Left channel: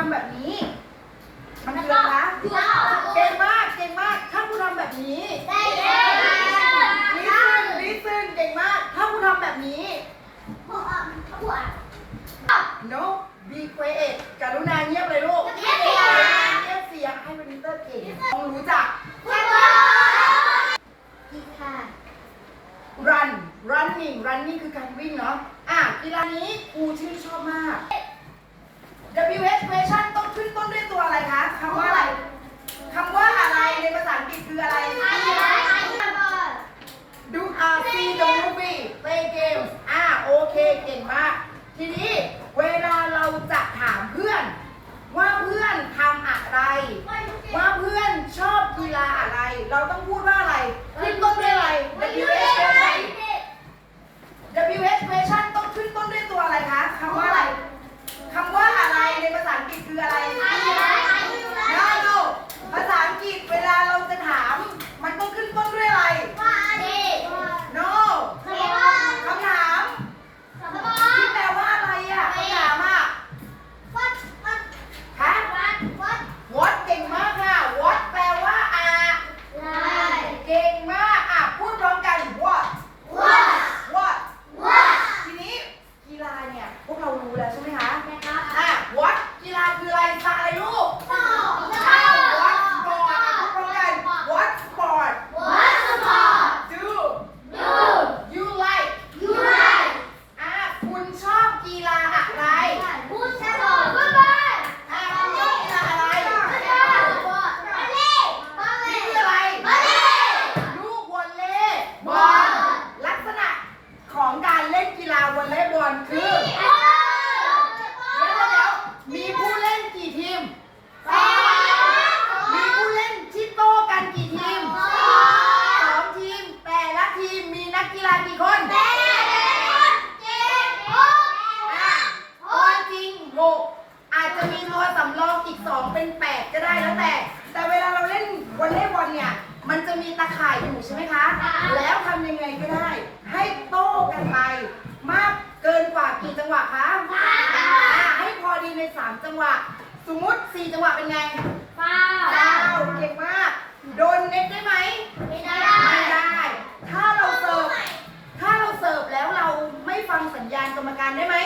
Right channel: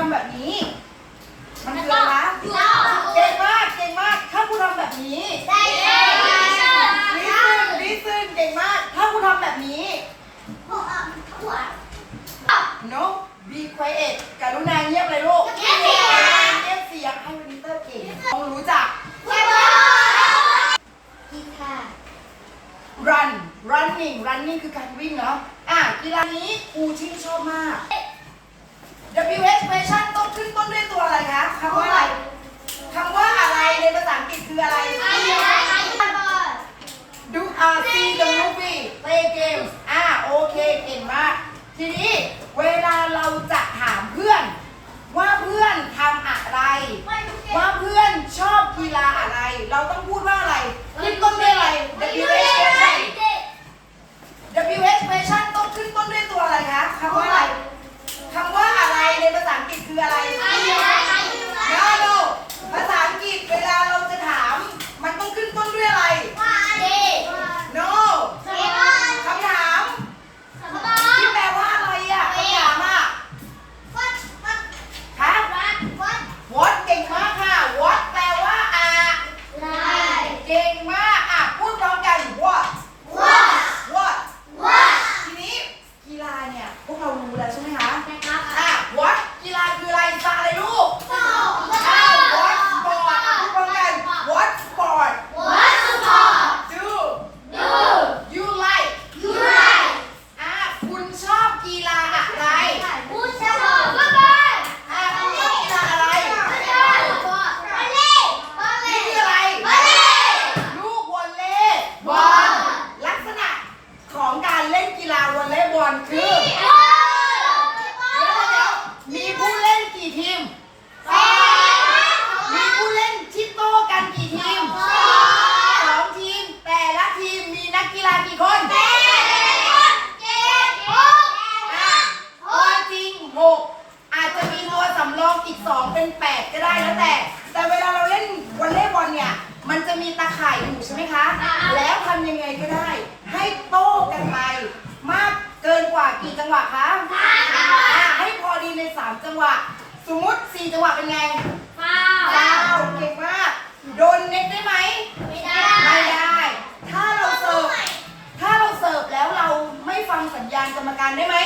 ทำแบบนี้ มันคืออะไระเก่งมากเก่งมาก ถ้าคุณทำแบบนี้ ได้เลิซึนลิซึนเก่งมาก ถ้าคุณทำแบบนี้ หัวหัว no be quiet กรุณาเงียบเลยลูกเงียบเสียง เงียบเสียงให้วินนี้เตอร์เก่งต้องรู้จักกีฬา run running running คือการวิ่งเนาะ อะกีฬานี้ครูชื่นชอบมาก W H question ต้องขึ้นต้นด้วยตัวอะไรคะคำว่าอะไรคำว่าอะไรในภาษาอังกฤษคืออะไร Do R C the movie play games อ่าโอเคเก่งมากทีนี้เวลาเราจะถามเพื่อน ว่าเพื่อนทำอะไร ว่าเพื่อนชอบกีฬาอะไร เราต้องพูดว่าอะไรขึ้นต้นด้วยอะไร การได้ไหม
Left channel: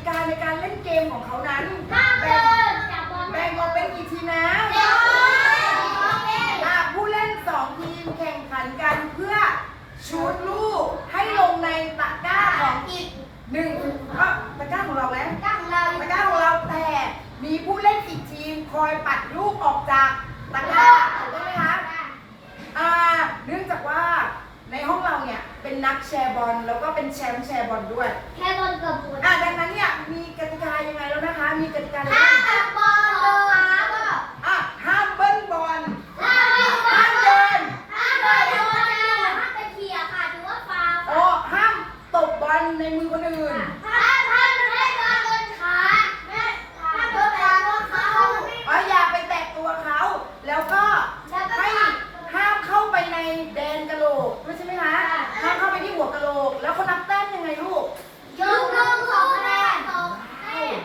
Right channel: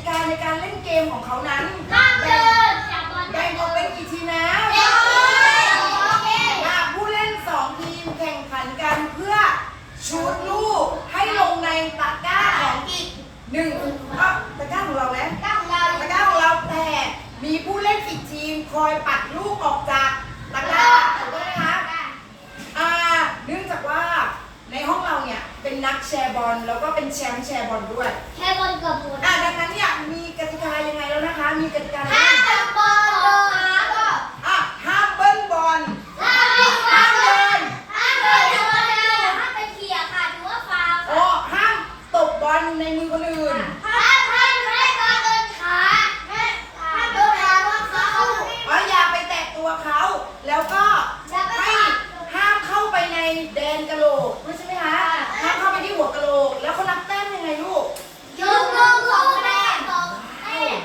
ิกาในการเล่นเกมของเขานั้นห้ามเบอลแบ่งออกเป็นกี่ทีนะผู้เล่นสองทีมแข่งขันกันเพื่อชูดลูกให้ลงในตะกร้าของอีกหนึ่งก็ตะกร้าของเราไหมตะกร้าของเรตะกร้าของเราแต่มีผู้เล่นอีกทีมคอยปัดลูกออกจากตะกร้าถูกต้องไหมคะอ่าเนื่องจากว่าในห้องเราเนี่ยเป็นนักแชร์บอลแล้วก็เป็นแชมป์แชร์บอลด้วย แชร์บอลกับบอลอะ ยังไงแล้วนะคะ มีกติกาอะไรถ้าบ้าง จับบอลโดนขาก็ อะห้ามเบิ้ลบอล ห้ามวิ่ง ห้ามเดิน ห้ามเดินโดนห้ามไปเขี่ยค่ะถือว่าฟาว โอ้ห้ามตบบอลในมือคนอื่น ห้ามห้ามให้การเดินขาห้ามโดนขาว่าเขา อ๋ออย่าไปแตะตัวเขา แล้วก็ให้ห้ามเข้าไปในแดนกะโหลกไม่ใช่ไหมคะ ห้ามเข้าไปที่หัวกะโหลก แล้วเขานับแต้มยังไงลูก ยกลงสองคะแนนสองแต้ม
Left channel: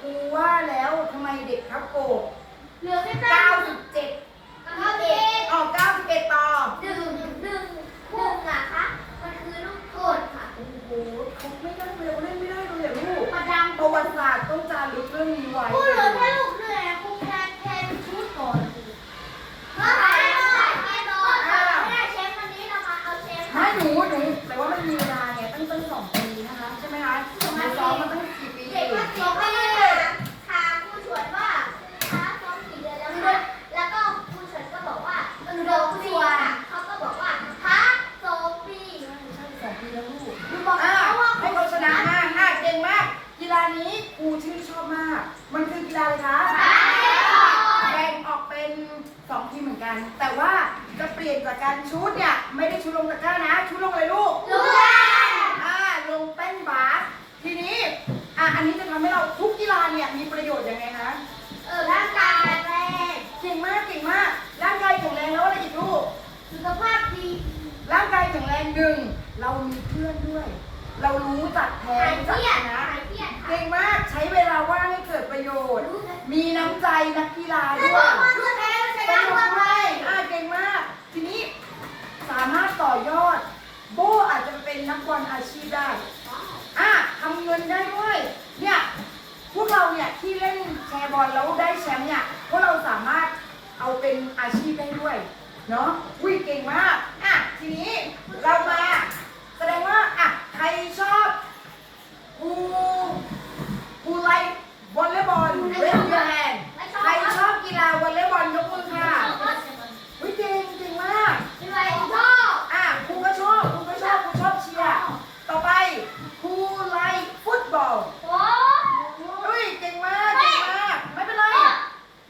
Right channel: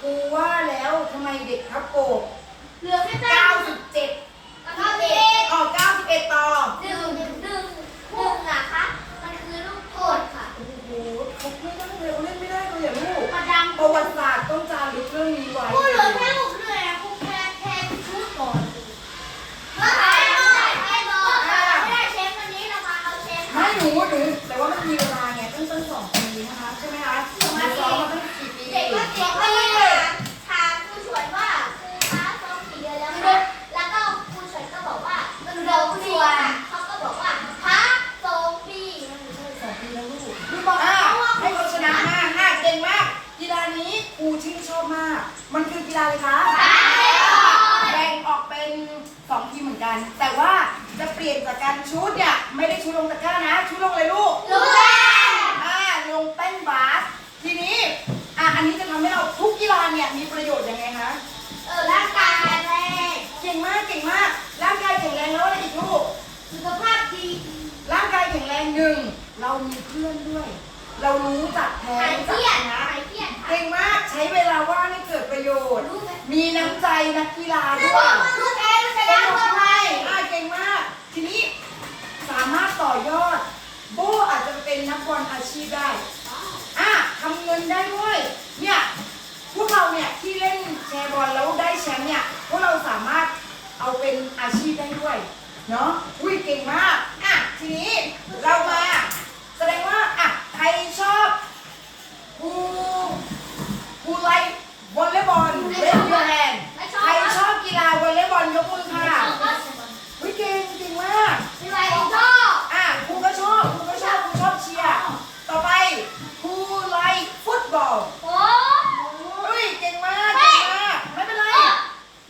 ครูว่าแล้วทำไมเด็กทับโกก เหลือแค่แต้ม 97 ก็เด็ก ออก91 ต่อ ดึงดึงดึงนะคะ มันคือลูกโทษค่ะ โอ้โหเขาไม่ได้เลยเขาเล่นไม่ได้เลยอะลูก มาดัง ประวัติศาสตร์ต้องจารึกเรื่องนี้ไว้ พูดเหลือแค่ลูกเดียวครูแค่แค่ชุดก่อนเมื่อไหร่เมื่อไหร่ไม่รอไม่ได้เชฟวันนี้เรามาเอาเชฟ ไม่หนูหนูแต่ว่ามันมีเวลาไงตั้งตั้งสองปีนะคะ ใช่ไหมคะหนูซ้อมมาตั้งกี่ปี เด็กก็เด็กก็เลยถามครูชวนว่าครูคะซ้อมกี่เดือนแล้วคะแล้วก็ครูชวนก็บอกว่ามันโดนชวนเขาก็บอกว่าพักโซฟี สองปีแล้วลูกลูกบอกอะให้เขาชนะมากอะเก่งมาก กีฬานี้ครูชื่นชอบมาก มันคือกี ฬาอะไรคะแบ่งออกเป็นสองทีมเหมือนกัน แต่ว่าจะเปลี่ยนจากการชุดเนี่ยไม่ได้ชุดลงตะกร้านะ ชุดลงเลยลูกรู้แล้วอ่าลงเต้นบาสทีนี้อะอันนี้จะทำให้เราทุกกีฬาเนี่ยมีประโยชน์ยังไงคะเออร่างกายแรงเก่งมากเก่งมากร่างกายแข็งแรงแล้วอะไรอีกลูกสุขภาพดีร่างกายแข็งแรงหนึ่งเรามีเพื่อนด้วย เรารู้จักแพ้หายรู้เคจักรียชดนะหาย เครียดเก่งมากใช้เวลาว่างให้เกิดประโยชน์ มีน้ำใจนักกีฬาลูด้วยกลูกแพ้ลูกชสนะนุลูกกด้แพ้วยอ่าเก่งมาก ทีนี้สามารถต่อยอด โบอาจจะเป็นนักบอลอาชีพได้อะทำเงินได้ด้วย เนี่ยพวกเราเนี่ยที่เล่นแชร์บอลแล้วได้แชมป์เนี่ยพวกเราสามารถเอาเป็นอาชีพได้ด้วย เนาะอุ้ยเก่งมาก อะทีนี้เรามา แสดงว่า อะ ใครชอบกูกูไลค์วอลเลย์บอลเล่นยูแฮนใครชอบกีฬาวอลเลย์บอลยกมือค่ะวิเก่งเก่งมาก เป็นไรชอบ อะครูก็ชอบครูก็ชอบครูชอบเชียร์ ต่อไปครูไลค์ฟุตบอล โอ้ เฮ้ยเก่งมากเก่งมาก ไม่เป็นไร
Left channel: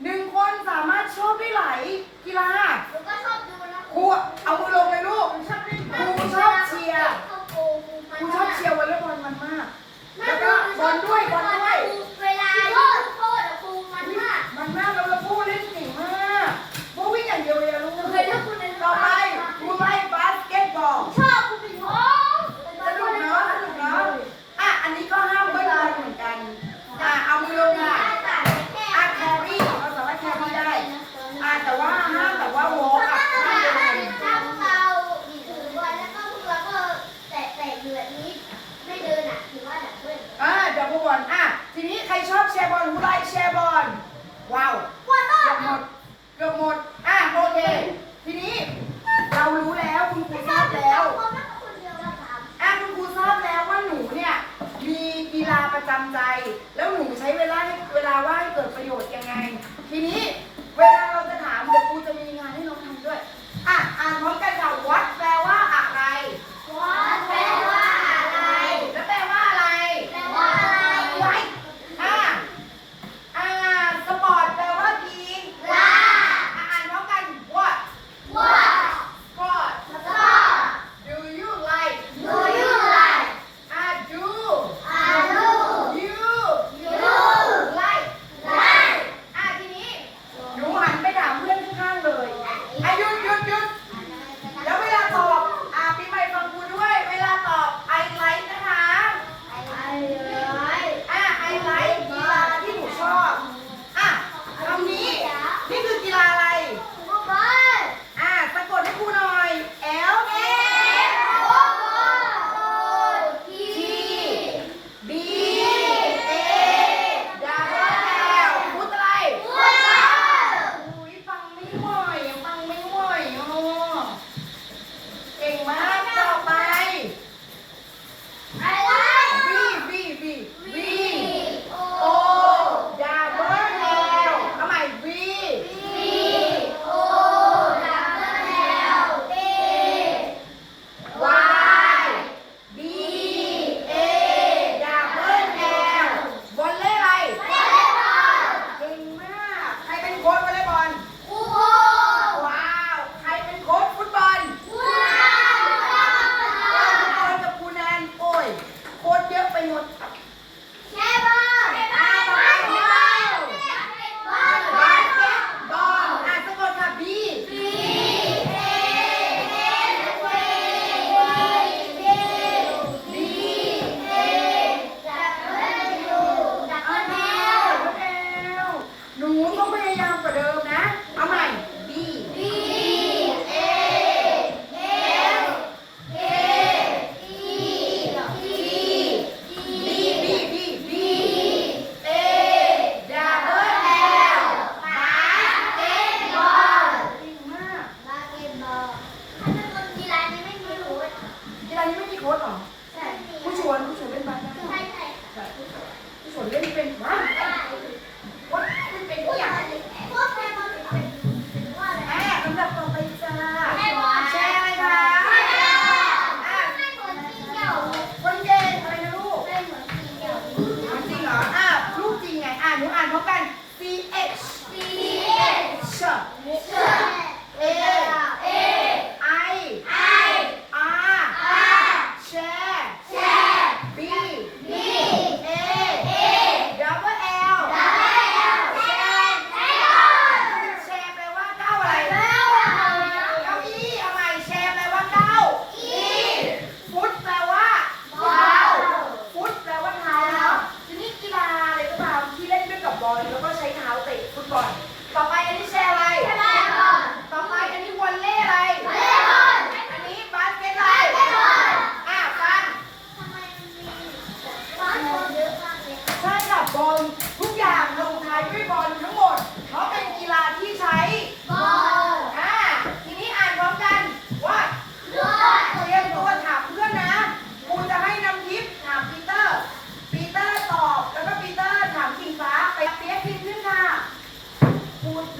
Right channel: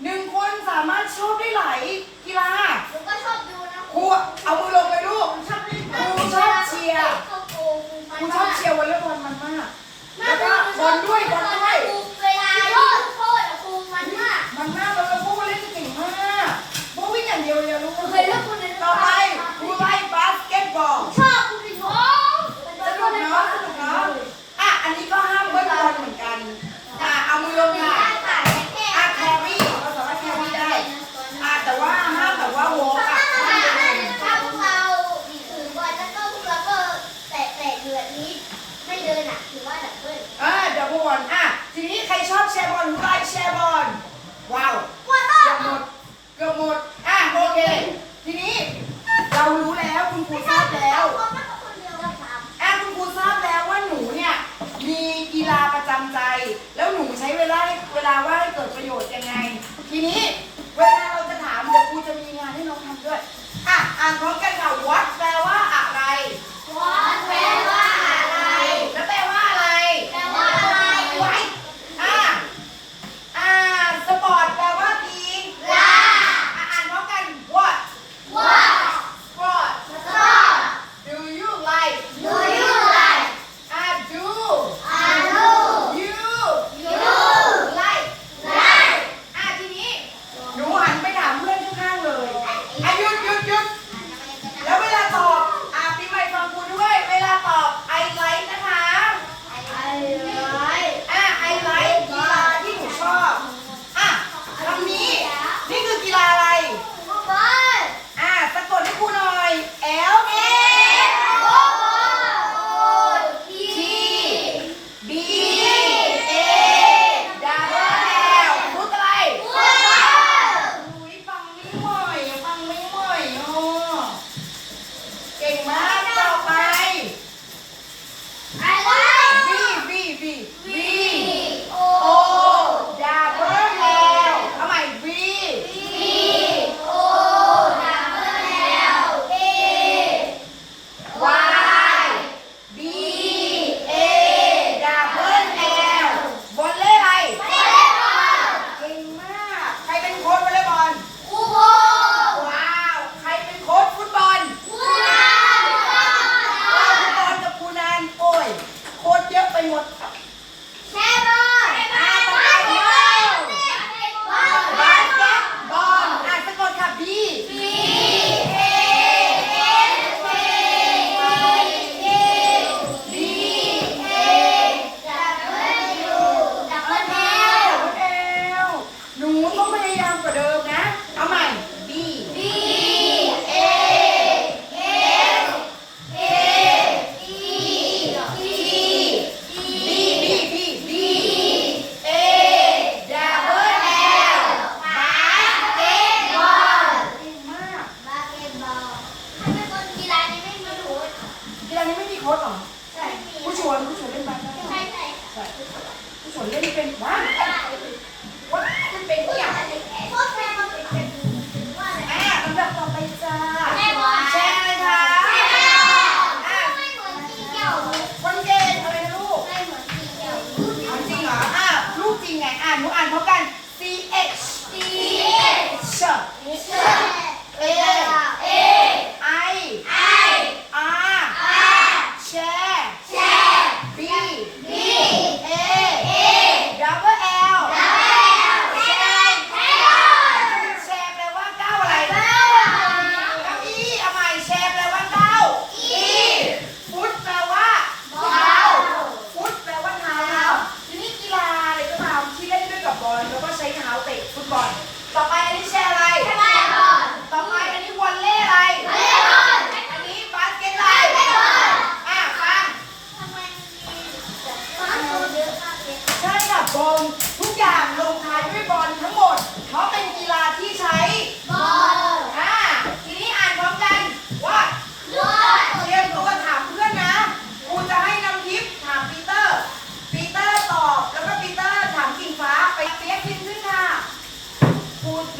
หนึ่งคนสามารถชอบได้หลายกีฬา หนูก็ชอบดูนะ ครูเอามือลงเลยลูก ชอบเล่น ครูชอบเชียร์ เข้าโกง ครูชอบเชียร์วอลเลย์บอลมันมาก แล้วก็บอลด้วยบอลด้วย เวลาโทษโทษอะครูมันมาก มันมากแล้วแล้วโบเล่นเก่งมากโบวิ่งอย่างเดียวเลยอะลูก เคยเล่นคนใน ต่อไปครูไล่บาสเกตบอล ชอบคุณเป็นชอบ สนุกเนาะสนุกเนาะอะ อันนี้ก็ห้ามเบิ้ลบอลเหมือนกัน อะ เอามือลงค่ะ อะแครี่เราสามารถแครี่ได้ อะ แต่ว่าห้ามแบบว่าวอล์กอะห้ามเดิน ถ้าพวกเราถือบอลแล้วก็พวกเราก็แตะแตะอยู่แบบนี้ ไม่เดินอะถือว่าดับเบิ้ล อะเดี๋ยวบอลอะ ทีนี้ใครชอบแชร์บอลครูไล่แชร์บอล ว้าว ว่าต้ เกือบหมด เกือบหมด อะ โอเค ทีนี้ เรารู้แล้ว คุณครูทราบแล้วแอะคุณครูทราบแล้วว่าหนูเนี่ยมีกีฬาประจำใจ แล้วหนูใช้เวลาเวลาว่างให้เกิดประโยชน์ยังไง ทีนี้เวลาเราจะถามเดี๋ยวครูจะมีงานให้น้องทำด้วย อะอ่านพร้อมกันค่ะวั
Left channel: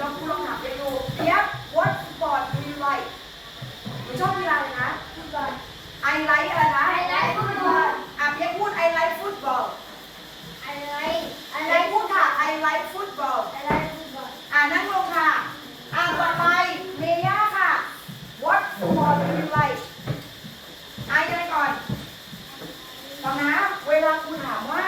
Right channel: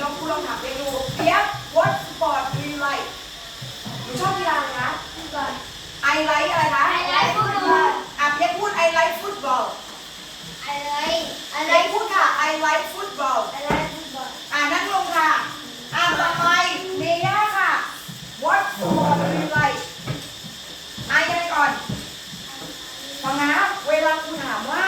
ลองลองถามไปดูเพียบ what sport do you like หนูชอบกีฬาอะไรนะ football I like อะไรคะ I like football อะเพียบพูด I like football I like I like พูดค่ะ I like football I like football อ่านั่งลงค่ะอ่าต่อไปเมย่าค่ะ what sport do you like ไอยังไงก่อนฟังนะ เวลาคุณถามว่า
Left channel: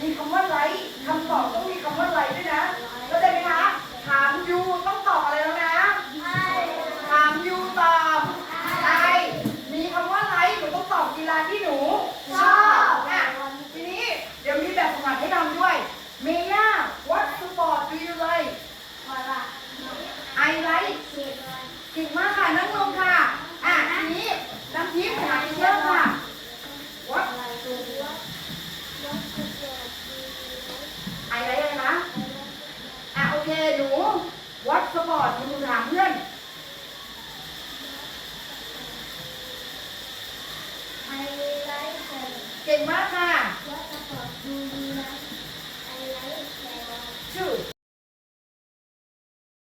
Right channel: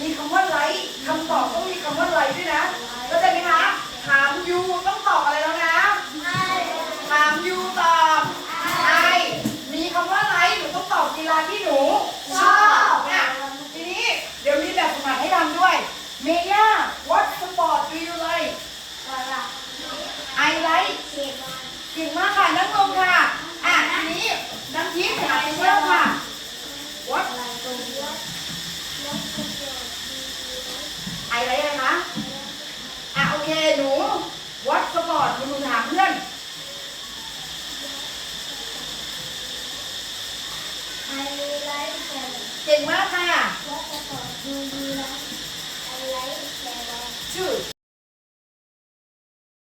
มีคำว่าไลค์คำตอบต้องมีคำว่าไลค์ด้วยนะก็ไาใจไหมคะ ถามยูต้องตอบอะไรแล้วนะถามยูตอบไอมีคำว่าไลค์หนูต้องตอบกีฬาที่หนูชอบนี้เดี๋ยวมีแบบสมัครให้ทำด้วย เมย่า what sport do you like I like เก่งมากค่ะนั่งลงค่ะ อะทีนี้